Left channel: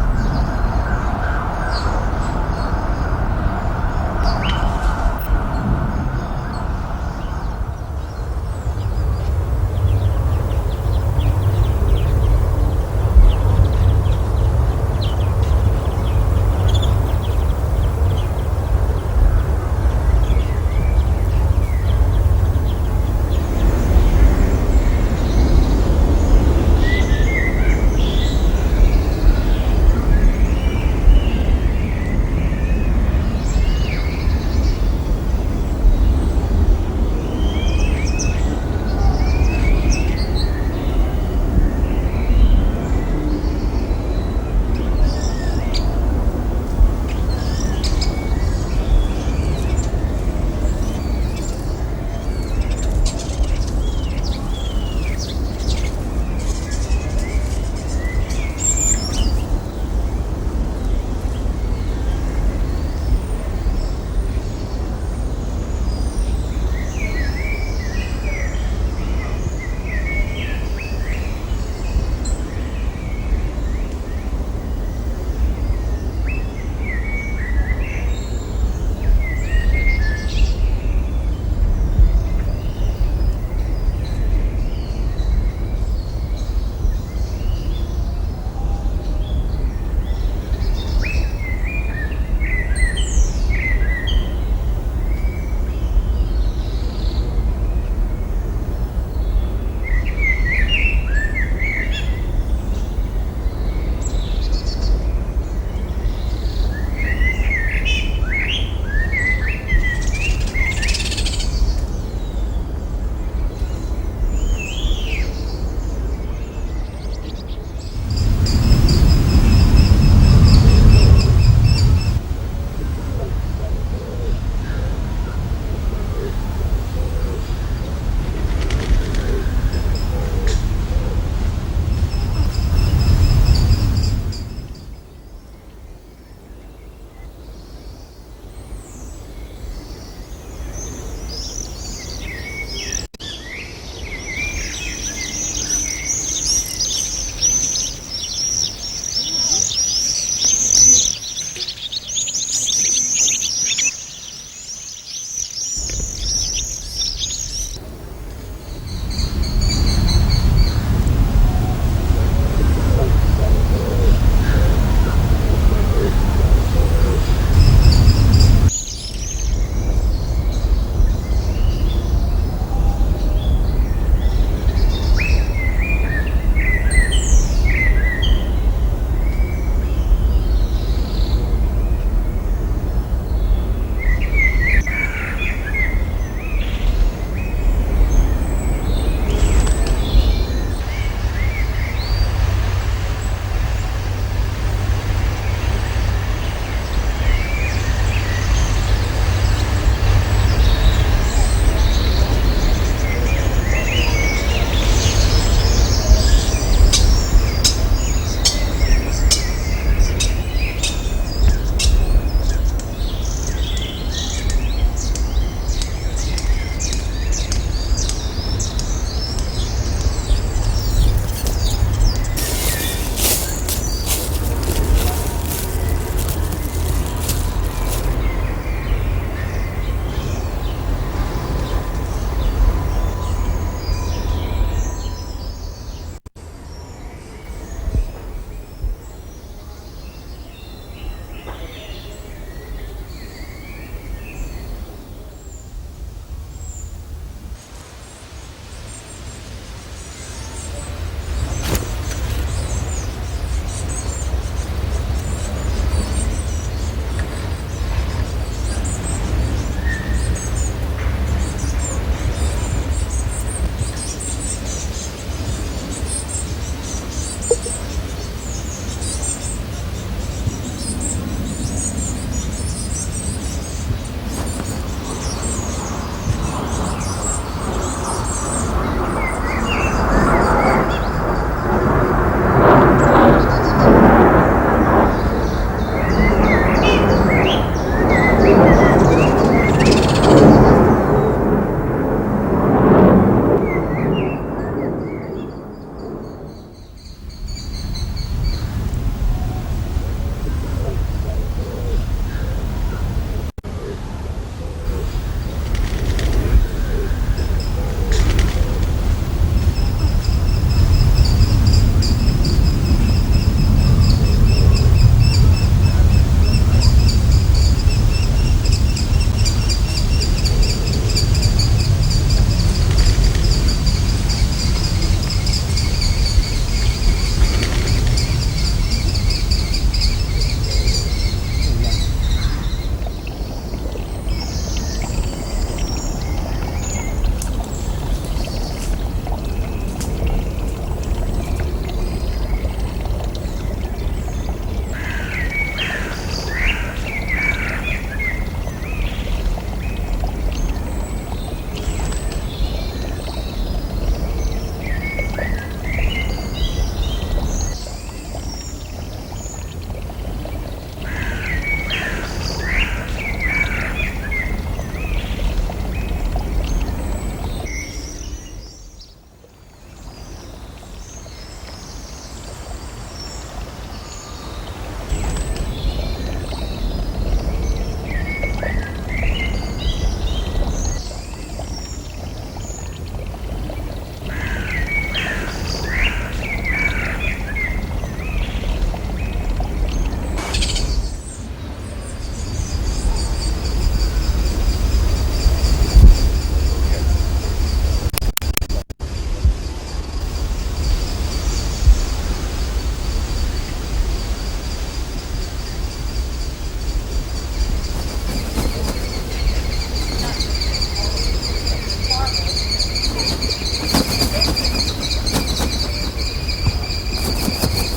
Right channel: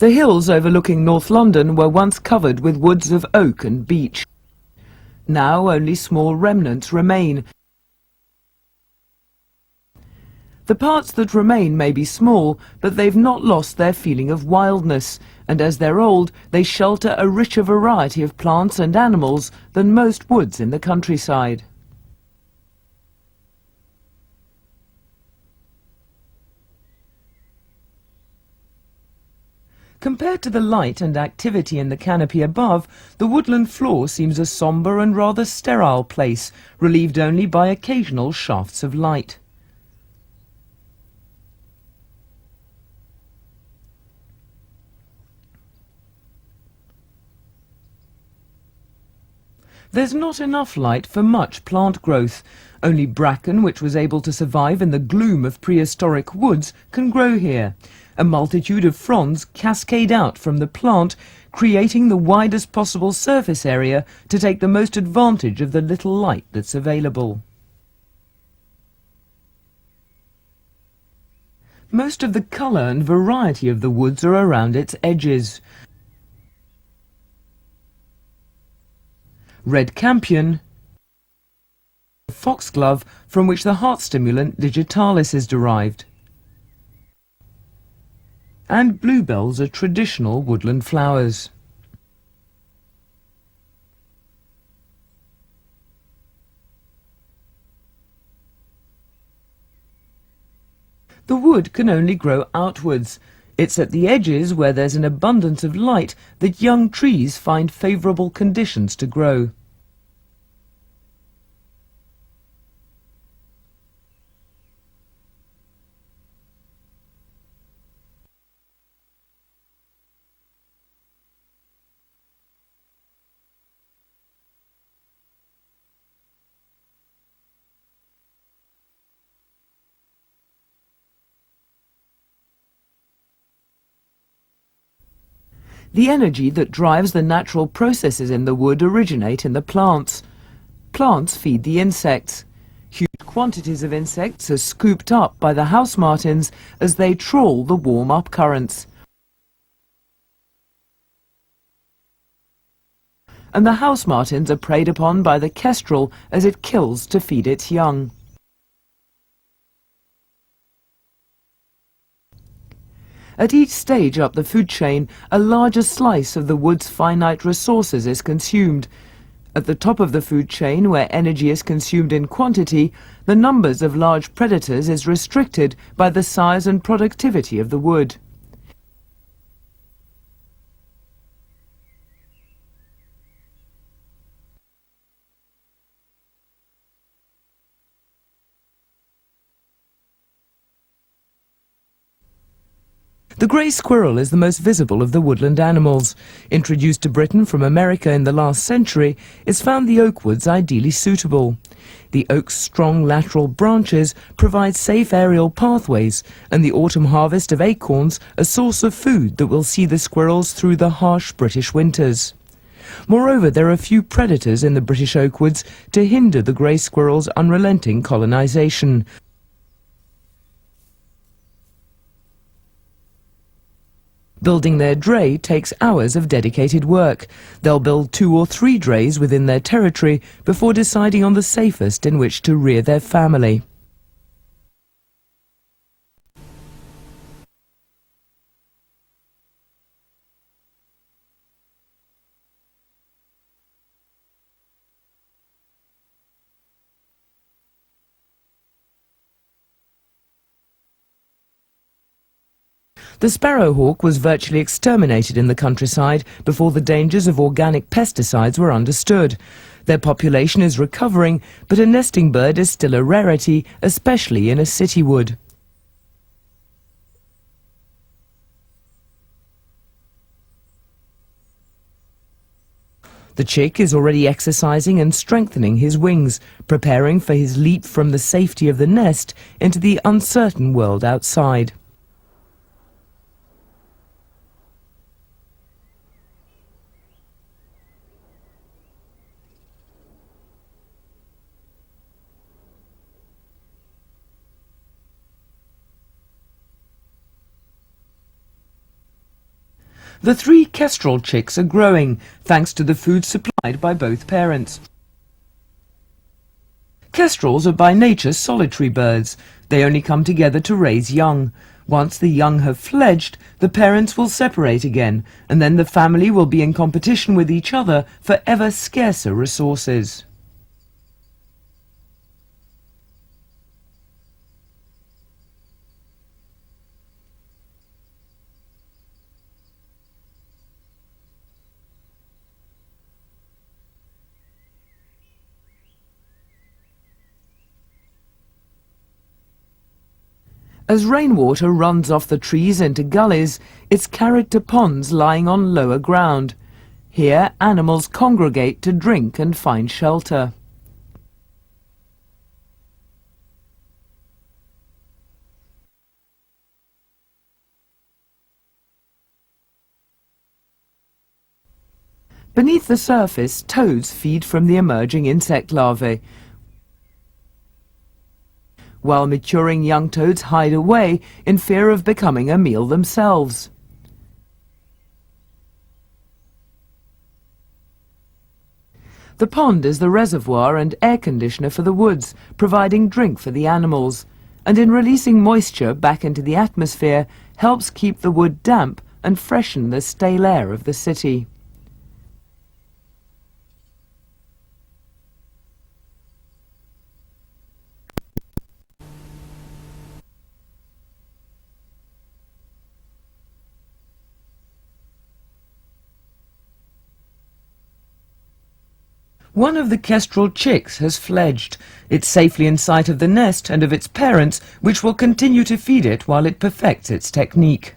The hills overlooking North London were once covered with woods of oak and beech. Now only small remnants remain. The parts that remain may be small, but they've not lost their feeling of wildness, and as they're old, they shelter a richer variety of plants and animals than most woods in the countryside. Compared to the light and activity in the canopy above, the woodland floor seems a sombre and rather sterile place, relieved only by occasional shafts of light. There's not enough light for much plant growth. Only bracken, which was able to survive in the gloom of prehistoric woods, can grow here. A multitude of fronds cascade out from the plant, creating the widest possible surface area to take the most advantage of the little light that's available. Most of the colour and variety of the woods are around its edges. Red campion, foxglove, from which the heart stimulant digitalis is derived, and bluebells are traditional woodland flowers. The wood can only grow outwards. It's at the edges, where there's an abundance of light, that young trees find favourable conditions to grow. The energy that drives the natural processes in the wood originate in the plants. Plants feed the insects. Huge quantities of insects are scooped up by the house martins as they trawl the warm-up currents. And the house martins are preyed upon by the kestrel as it kills to feed its young. At each stage up the food chain, a larger slice of the wood's finite resources is consumed. At the top of the food chain, where energy is consumed in quantity, the numbers of large predators is restricted by the size and productivity of the wood. The grey squirrel is the most visible of the woodland animals. Introduced to Britain from America in the last century, it's found the oak woods ideally suitable. The oak's strong lateral branches provide safe aerial pathways, and the autumn harvest of acorns a source of food that will see the squirrels through the harsh British winters. Moreover, there are few predators in the British oak woods to hinder the grey squirrel's unrelenting colonisation. Building their dray takes hours of dedicated work. They'll build 2 or 3 drays within their territory before deciding on the safest in which to rear their family. The sparrowhawk was virtually exterminated in the countryside before the dangers of organic pesticides were understood. Their population is recovering, but a nesting bird is still a rarity, especially in a city wood. The chick is already exercising and strengthening his wings, preparing for his leap from the safety of the nest into the uncertain world outside. The 3 kestrel chicks are growing, thanks to the food supplied by both parents. Kestrels are by nature solitary birds. They only come together to raise young. Once the young have fledged, the parents will separate again, and then the family will be in competition with each other for ever scarcer resources. As rainwater runs off the trees into gullies, its character ponds lying on lower ground. Here, animals congregate to drink and find shelter. Beneath the surface, toads feed from the emerging insect larvae, while maturing young toads hide away in fear of becoming a meal themselves. The pond is the reservoir and air conditioner for the woods, providing drink for the animals, and in releasing moisture back into the atmosphere, helps keep the wood damp and freshen the stale air of the city. One of the kestrel chicks has fledged. It's safely in sight of the nest and of its parents, which will continue to feed it while it perfects its technique.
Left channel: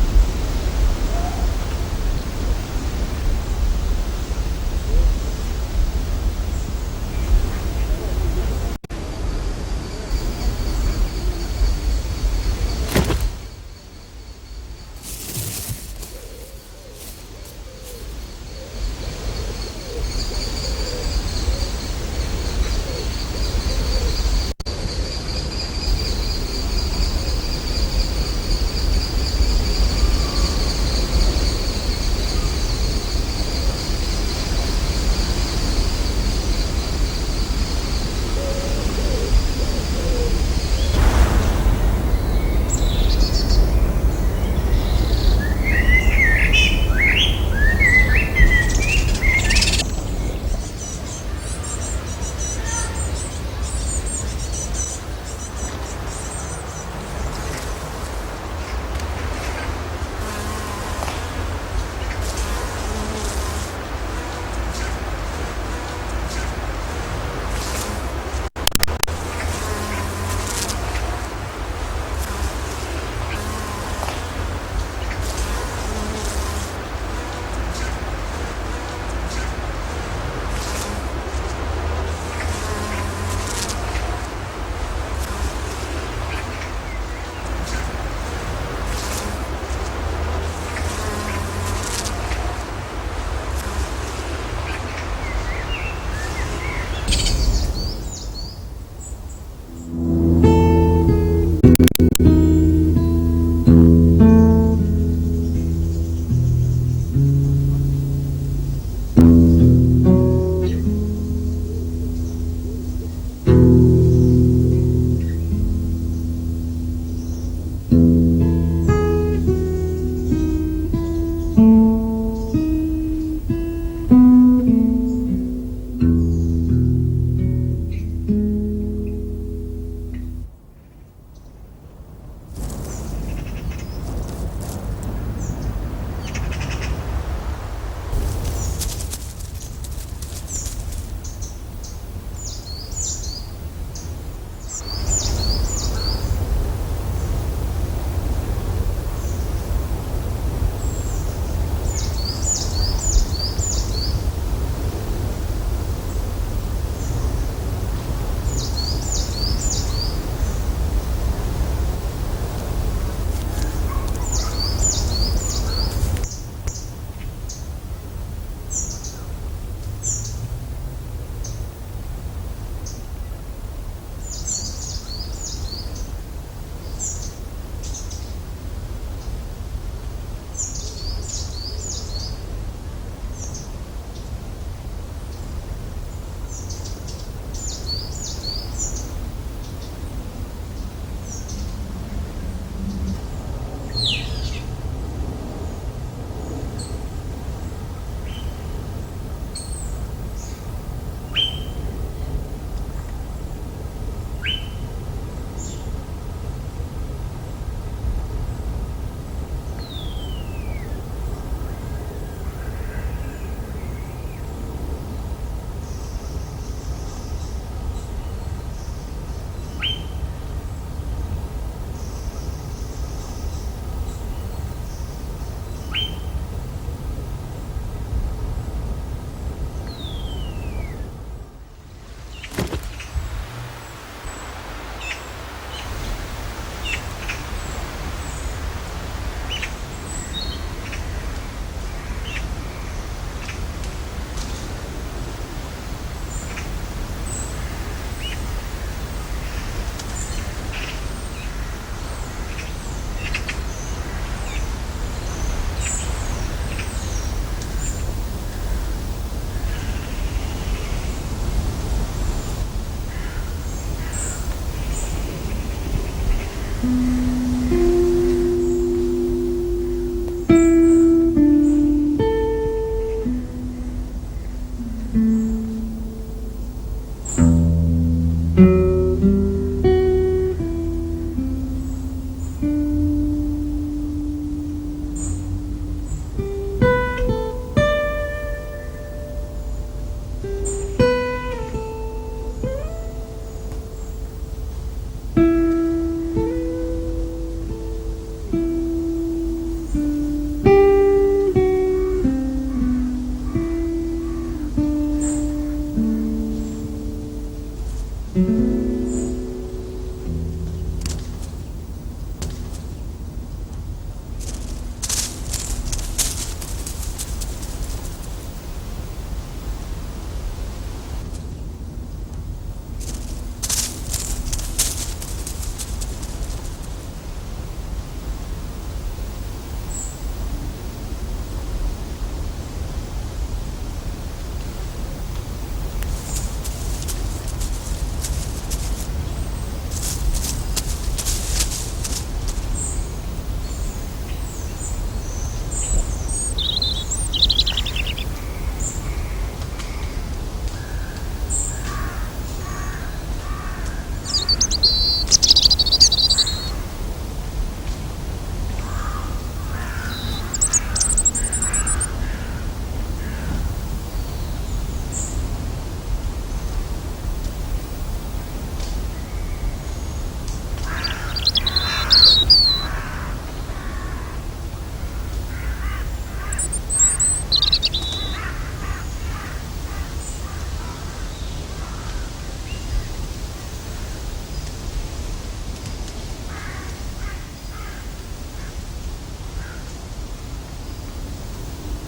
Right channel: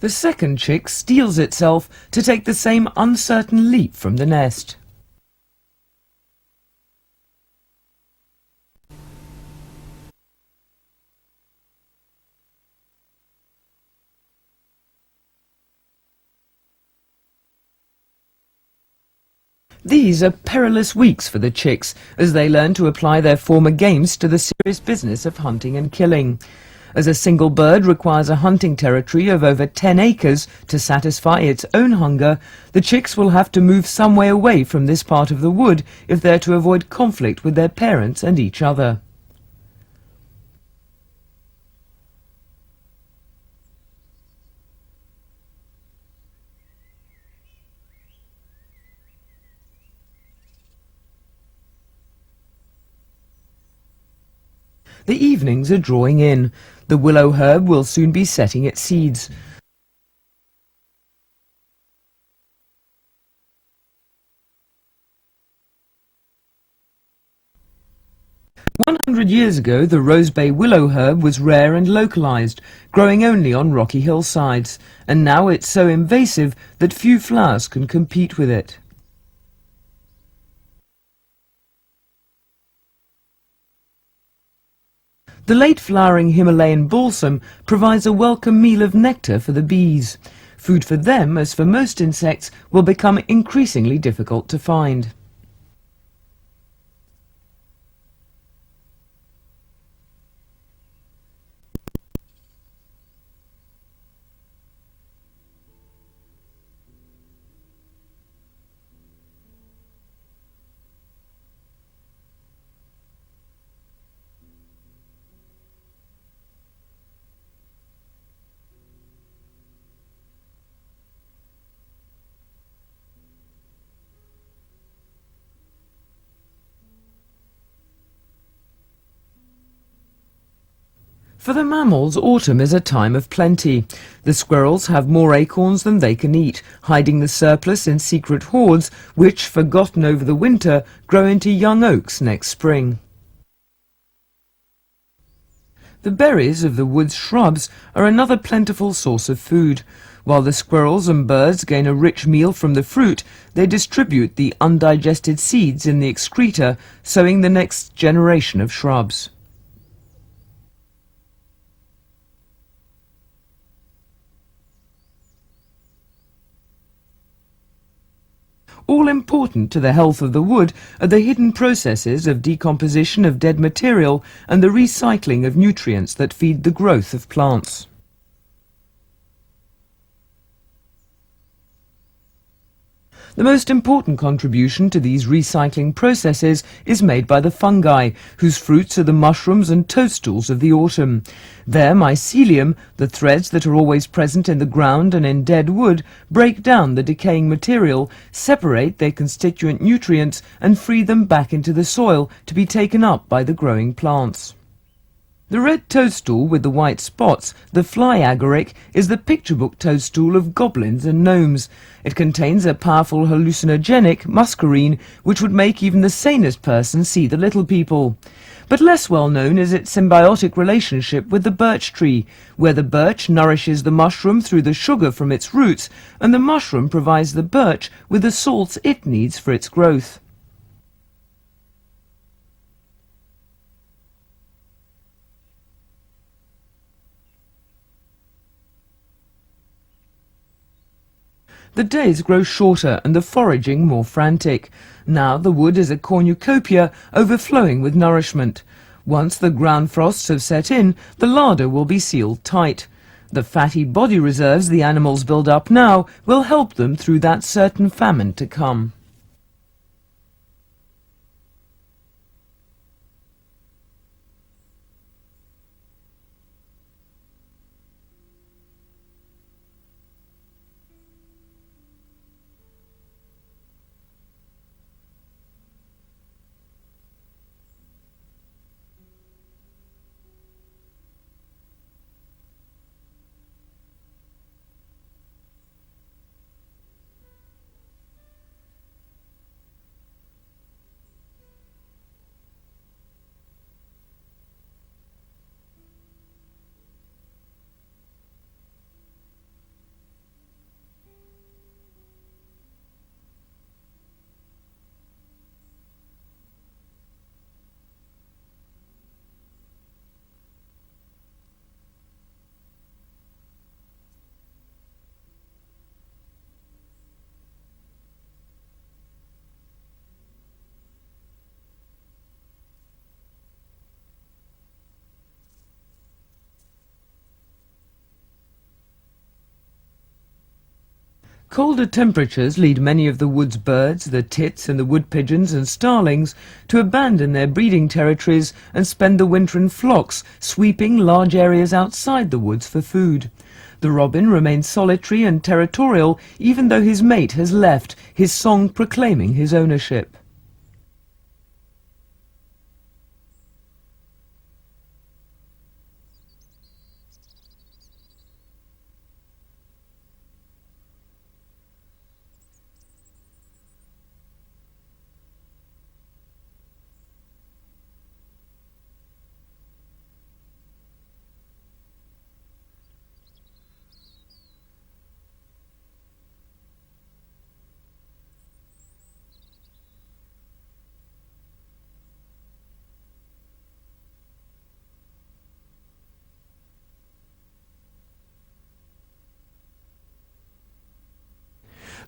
The second chick steels itself to take the same uncertain leap from the nest. These are perilous weeks for the chicks as they learn to apply their former gains to the serious business of hunting and killing. As a single bird requires a hunting territory of over 10 acres to satisfy its own hunger, the chicks will have to move some way away from this part of the wood if they're to avoid conflict with their parents and each other. The evenings are drawing in. The willow herb will soon be setting its seeds. 100 years ago, the rosebay willow herb was rare and localized, growing only on rocky hillsides, and now it's so invasive that few flowers can compete with it. The late-flowering Himalayan balsam provides a welcome meal of nectar for the bees. Food for them, as for most insects, will become increasingly difficult to find. For the mammals, autumn is a time of plenty. The squirrels have more acorns than they can eat, hiding the surplus in secret hoards which, forgotten over the winter, grow into young oaks next spring. The berries of the wood's shrubs are another plentiful source of food. While the squirrels and birds gain a rich meal from the fruit, they distribute the undigested seeds in the excreta, sowing the next generation of shrubs. All important to the health of the wood are the hidden processes of decomposition of dead material and the recycling of nutrients that feed the growth of plants. The most important contribution to these recycling processes is made by the fungi, whose fruits are the mushrooms and toadstools of the autumn. Their mycelium, the threads that are always present in the ground and in dead wood, break down the decaying material, separate their constituent nutrients and free them back into the soil to be taken up by the growing plants. The red toadstool with the white spots, the fly agaric, is the picture book toadstool of goblins and gnomes. It contains a powerful hallucinogenic muscarine which would make even the sanest person see the little people. But less well known is its symbiotic relationship with the birch tree, where the birch nourishes the mushroom through the sugar from its roots, and the mushroom provides the birch with the salts it needs for its growth. The days grow shorter and the foraging more frantic. Now the wood is a cornucopia overflowing with nourishment. Once the ground frosts have set in, the larder will be sealed tight. The fatty body reserves the animals build up now will help them through that certain famine to come. Colder temperatures lead many of the wood's birds, the tits and the wood pigeons and starlings, to abandon their breeding territories and spend the winter in flocks, sweeping large areas outside the woods for food. The robin remains solitary and territorial even though his mate has left, his song proclaiming his ownership.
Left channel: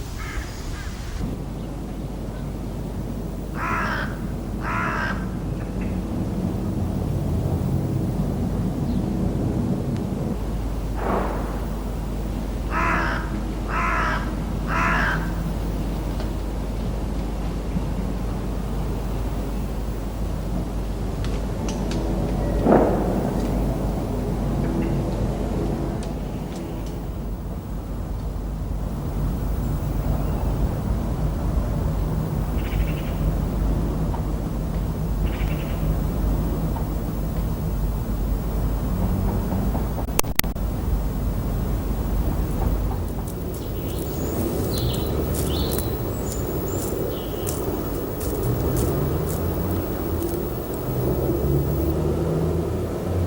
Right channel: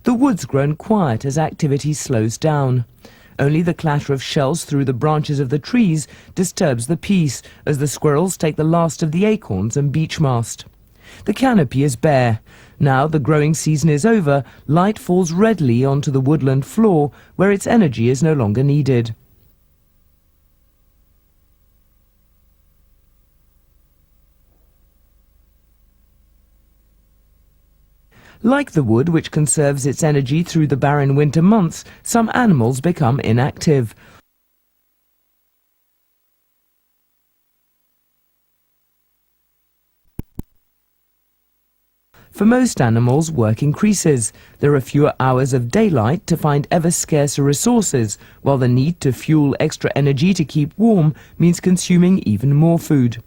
The wood's grown quiet as activity slows down. Only the clatter of shells through the branches of the trees disturbs the peace as the squirrels take the last of the acorns and beech mast. The canopy is bare. Now the growing season is over, light falls readily onto the woodland floor where its energy is no longer needed. Like the wood, which conserves its energy through the barren winter months, some animals become inactive. For most animals, work increases. There are fewer hours of daylight to find ever scarcer resources, while the need to fuel extra energy to keep warm means consuming even more food.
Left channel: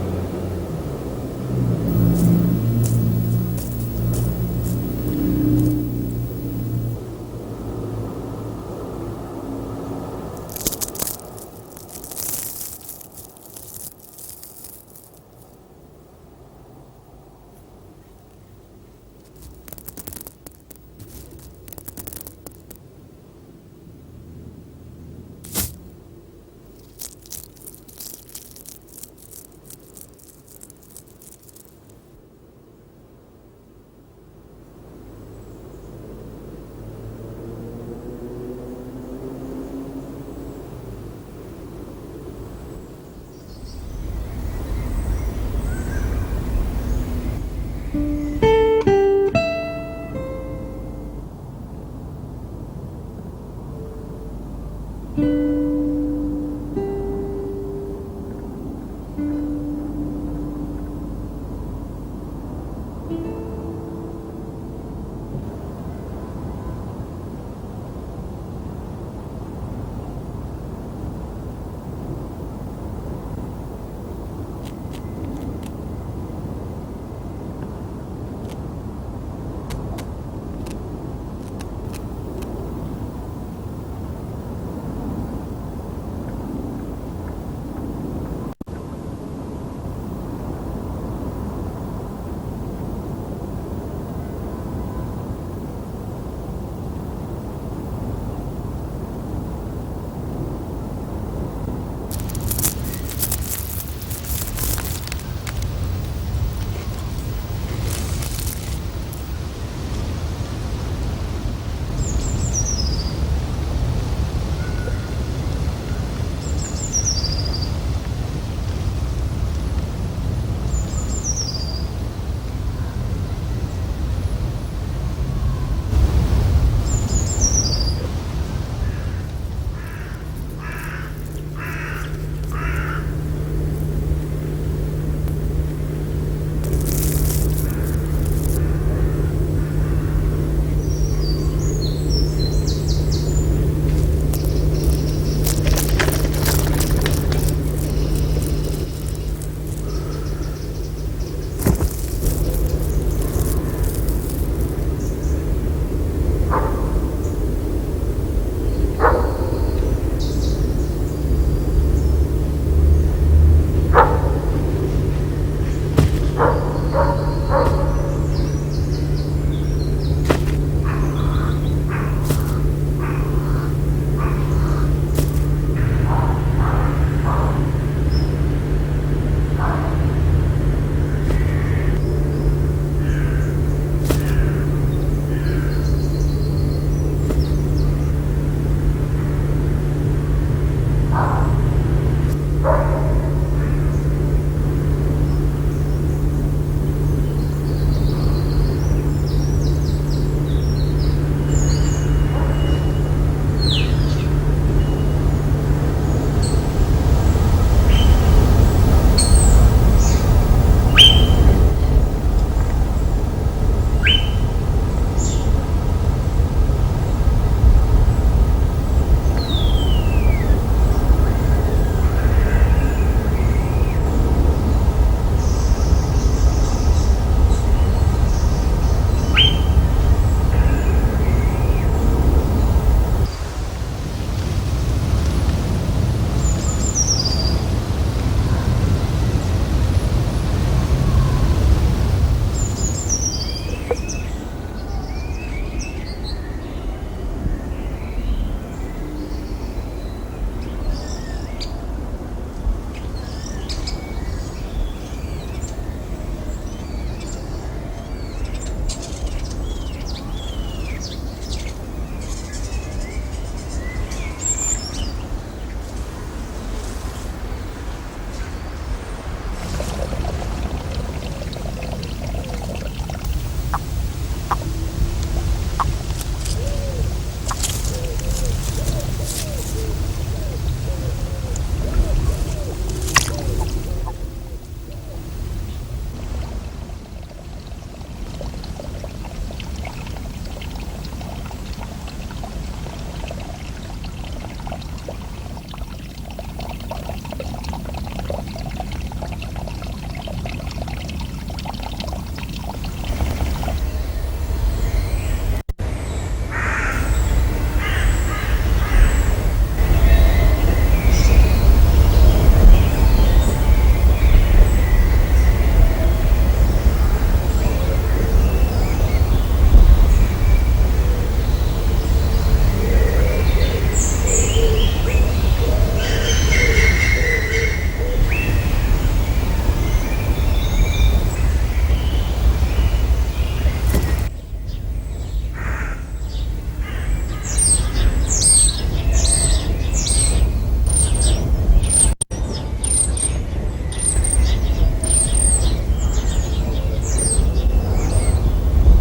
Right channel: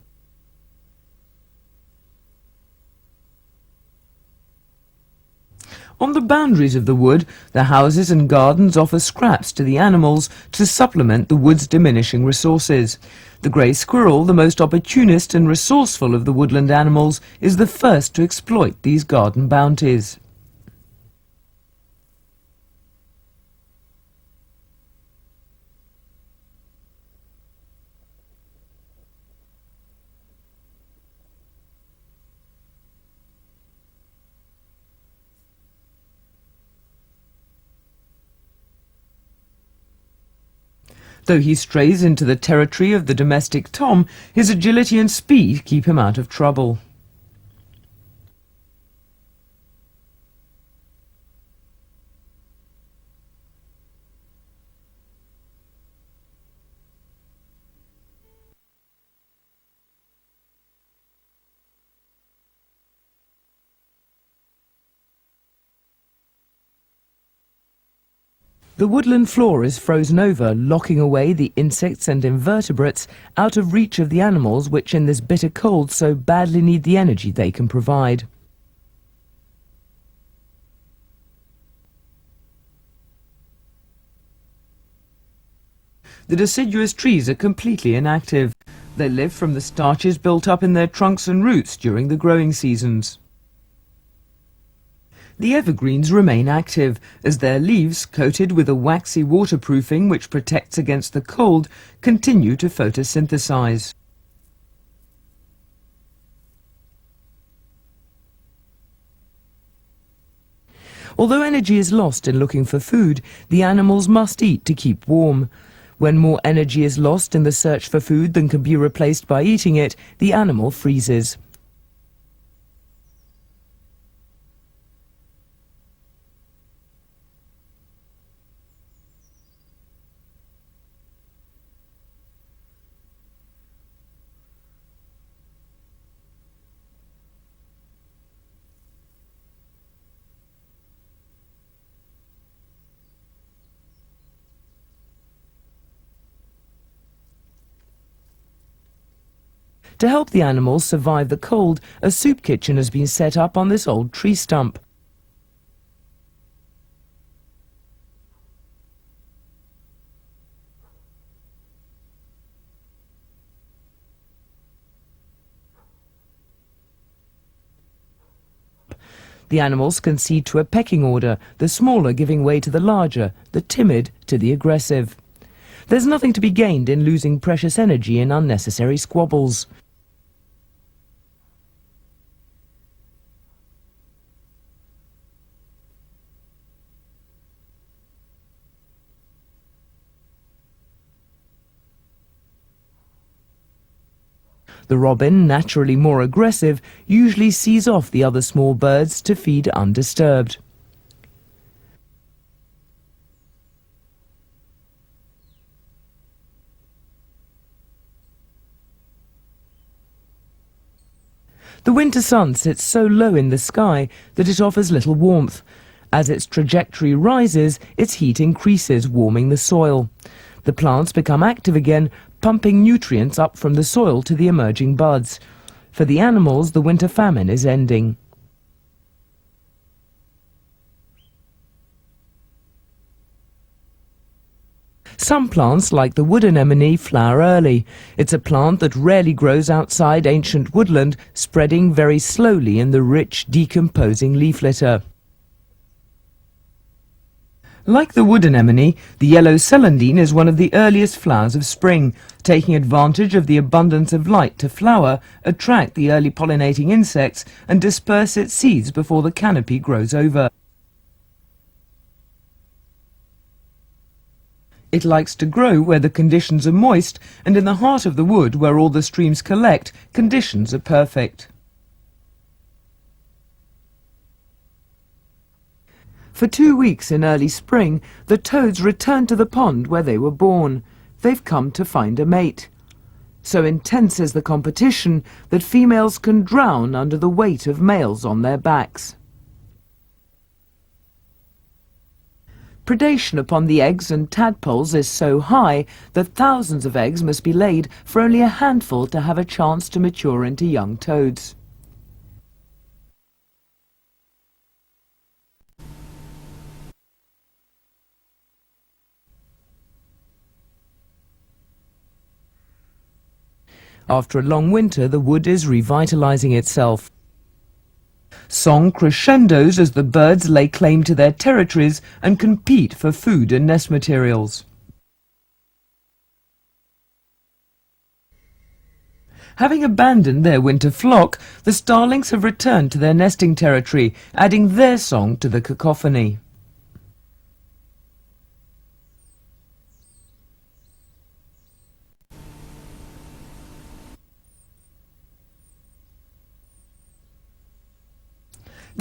On the boundaries of the wood, the houses and gardens offer scraps to the animals to supplement the wood's diminishing resources. The grey squirrel, the most opportunist and resourceful of the woodland animals, is the first to exploit these garden bounties. Though he strays into the territory of the domestic tom, his agility and speed keep him out of trouble. The woodland floor is frozen over, locking away the insects and invertebrates out of reach of the animals which in this bitter cold so badly need the energy they can provide. The deciduous trees are completely inactive. They live from the starches built up in their trunks and roots during the growing seasons. The evergreens remain active, as their leaves, coated with a waxy waterproofing which protects against the cold, continue to photosynthesize. Although energy is lost in looking for food, the animals must eat to keep warm. When more energy is lost in the search for food than can be replaced by eating it, the animal freezes. To help the animals survive the cold, a soup kitchen has been set up on this old tree stump. The animals concede to a pecking order, the smaller giving way to the larger, the timid to the aggressive. There's nothing to be gained in losing precious energy in unnecessary squabbles. The robin, naturally more aggressive, usually sees off the other small birds to feed undisturbed. The winter sun sits so low in the sky that it offers little warmth. As its trajectory rises, its heat increases, warming the soil. The plants become active again, pumping nutrients up from the soil to the emerging buds. For the animals, the winter famine is ending. Some plants, like the wood anemone, flower early. It's a plant that rarely grows outside ancient woodland, spreading very slowly in the rich, decomposing leaf litter. Like the wood anemone, the yellow celandine is one of the earliest flowers of spring, taking advantage of the abundance of light to flower, attract the early pollinating insects, and disperse its seeds before the canopy grows over. It likes to grow where the conditions are moist, and in the heart of the wood, where all the streams collect, conditions are perfect. For 2 weeks in early spring, the toads return to the pond where they were born. They've come to find a mate. So intense is the competition that females can drown under the weight of males on their backs. Predation upon the eggs and tadpoles is so high that thousands of eggs must be laid for only a handful to have a chance to mature into young toads. After a long winter, the wood is revitalizing itself. Song crescendos as the birds lay claim to their territories and compete for food and nest materials. Having abandoned their winter flock, the starlings have returned to their nesting territory, adding their song to the cacophony.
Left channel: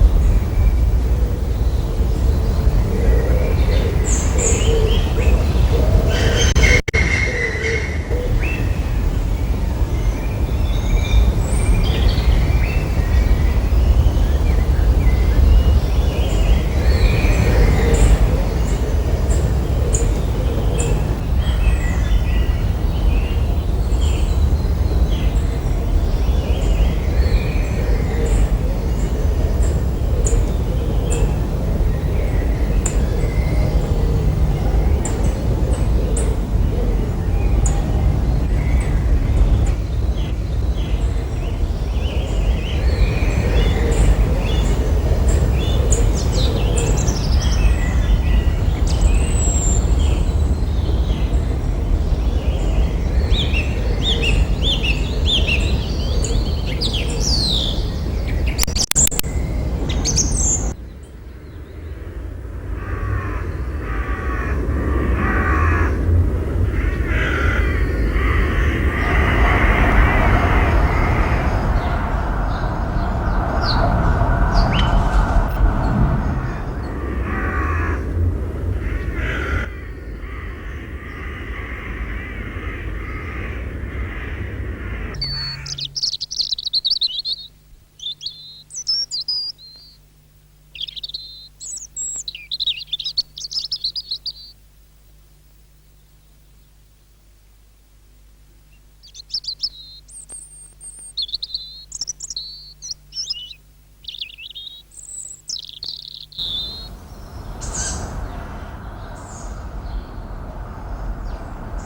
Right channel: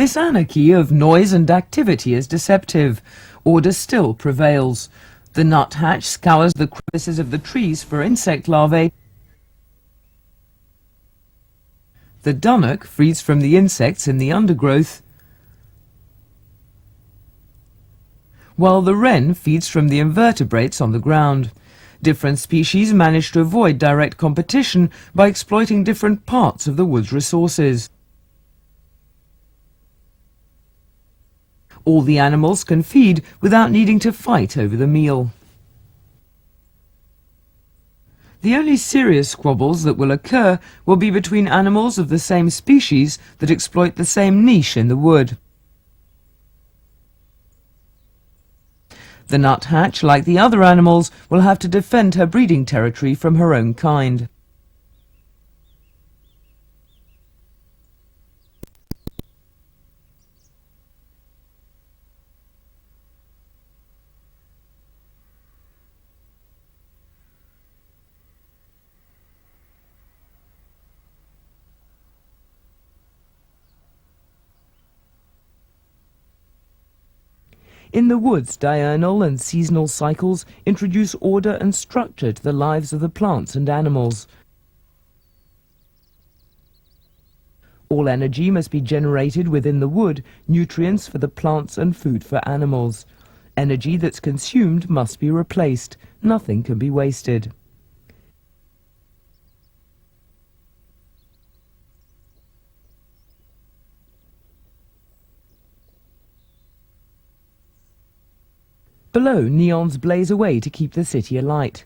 This anarchy of noise and activity is deceptive. Order still prevails. The nuthatch scours the crevices of the trees for insect larvae. The dunnock feeds from the insects in the undergrowth, while the wren feeds from the invertebrates on the ground. Different species manage to avoid direct competition by exploiting different parts of the wood's resources. All the animals can feed without needing to fight over the meal. The only serious squabbles that will occur will be between animals of the same species that exploit the same niche in the wood. The nuthatch, like the other animals, will have to defend her breeding territory from her own kind. In the woods, diurnal and seasonal cycles introduce order and structure to the lives of the plants and animals. All energy must be generated within the wood, nutrients for the plants and food for animals. Energy that's consumed must be replaced. Nothing can be wasted. Below, neons blaze away to keep the city alight.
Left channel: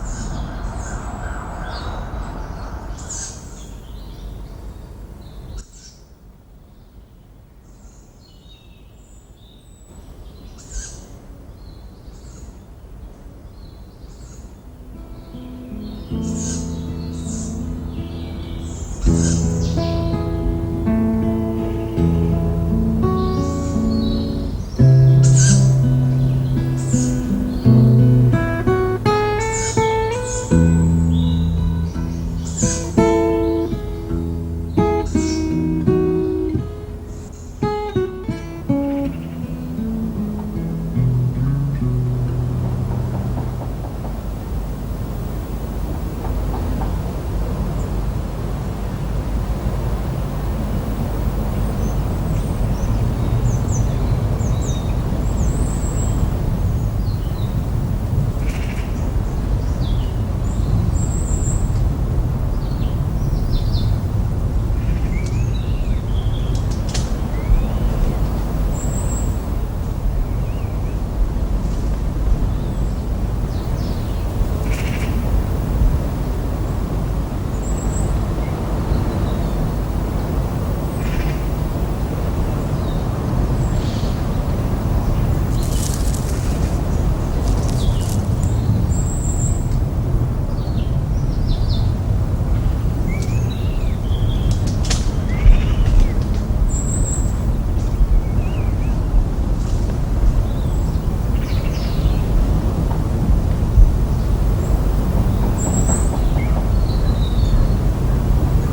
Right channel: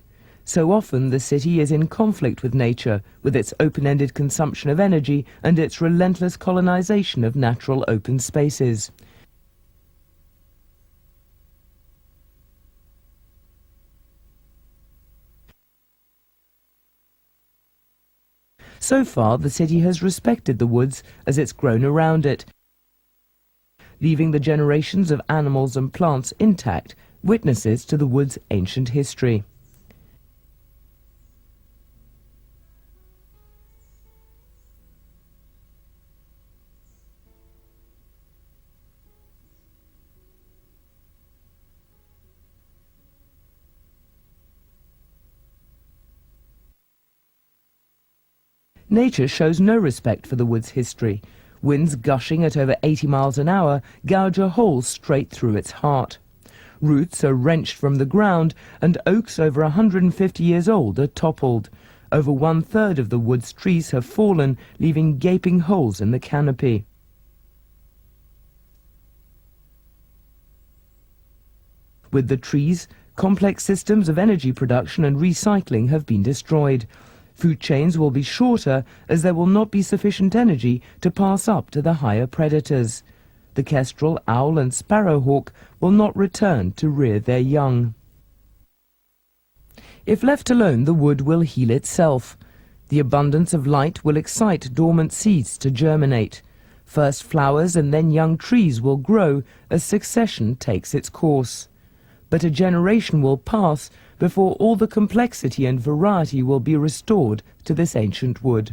So often the city is in conflict with nature, with its open-ended consumption of energy and its relentless colonization of natural open spaces. So far, the city has respected the woods as it's grown around it, leaving the generations of animals and plants intact, witnesses to the wood's ancient history. Nature shows no respect for the wood's history. Winds gushing at over 80 miles an hour gouge a hole straight through its heart. Roots are wrenched from the ground, and oaks over 150 years old are toppled. Over 1/3 of the wood's trees have fallen, leaving gaping holes in the canopy. With the trees, complex systems of energy production and recycling have been destroyed. Food chains will be shorter as there will not be sufficient energy to pass up to the higher predators. The kestrel, owl and sparrowhawk will not return to rear their young. If left alone, the wood will heal itself. The abundance of light will excite dormant seeds to germinate. First flowers and then young trees will grow as succession takes its course. But a generation will pass before all the complexity and variety will be restored to this ancient wood.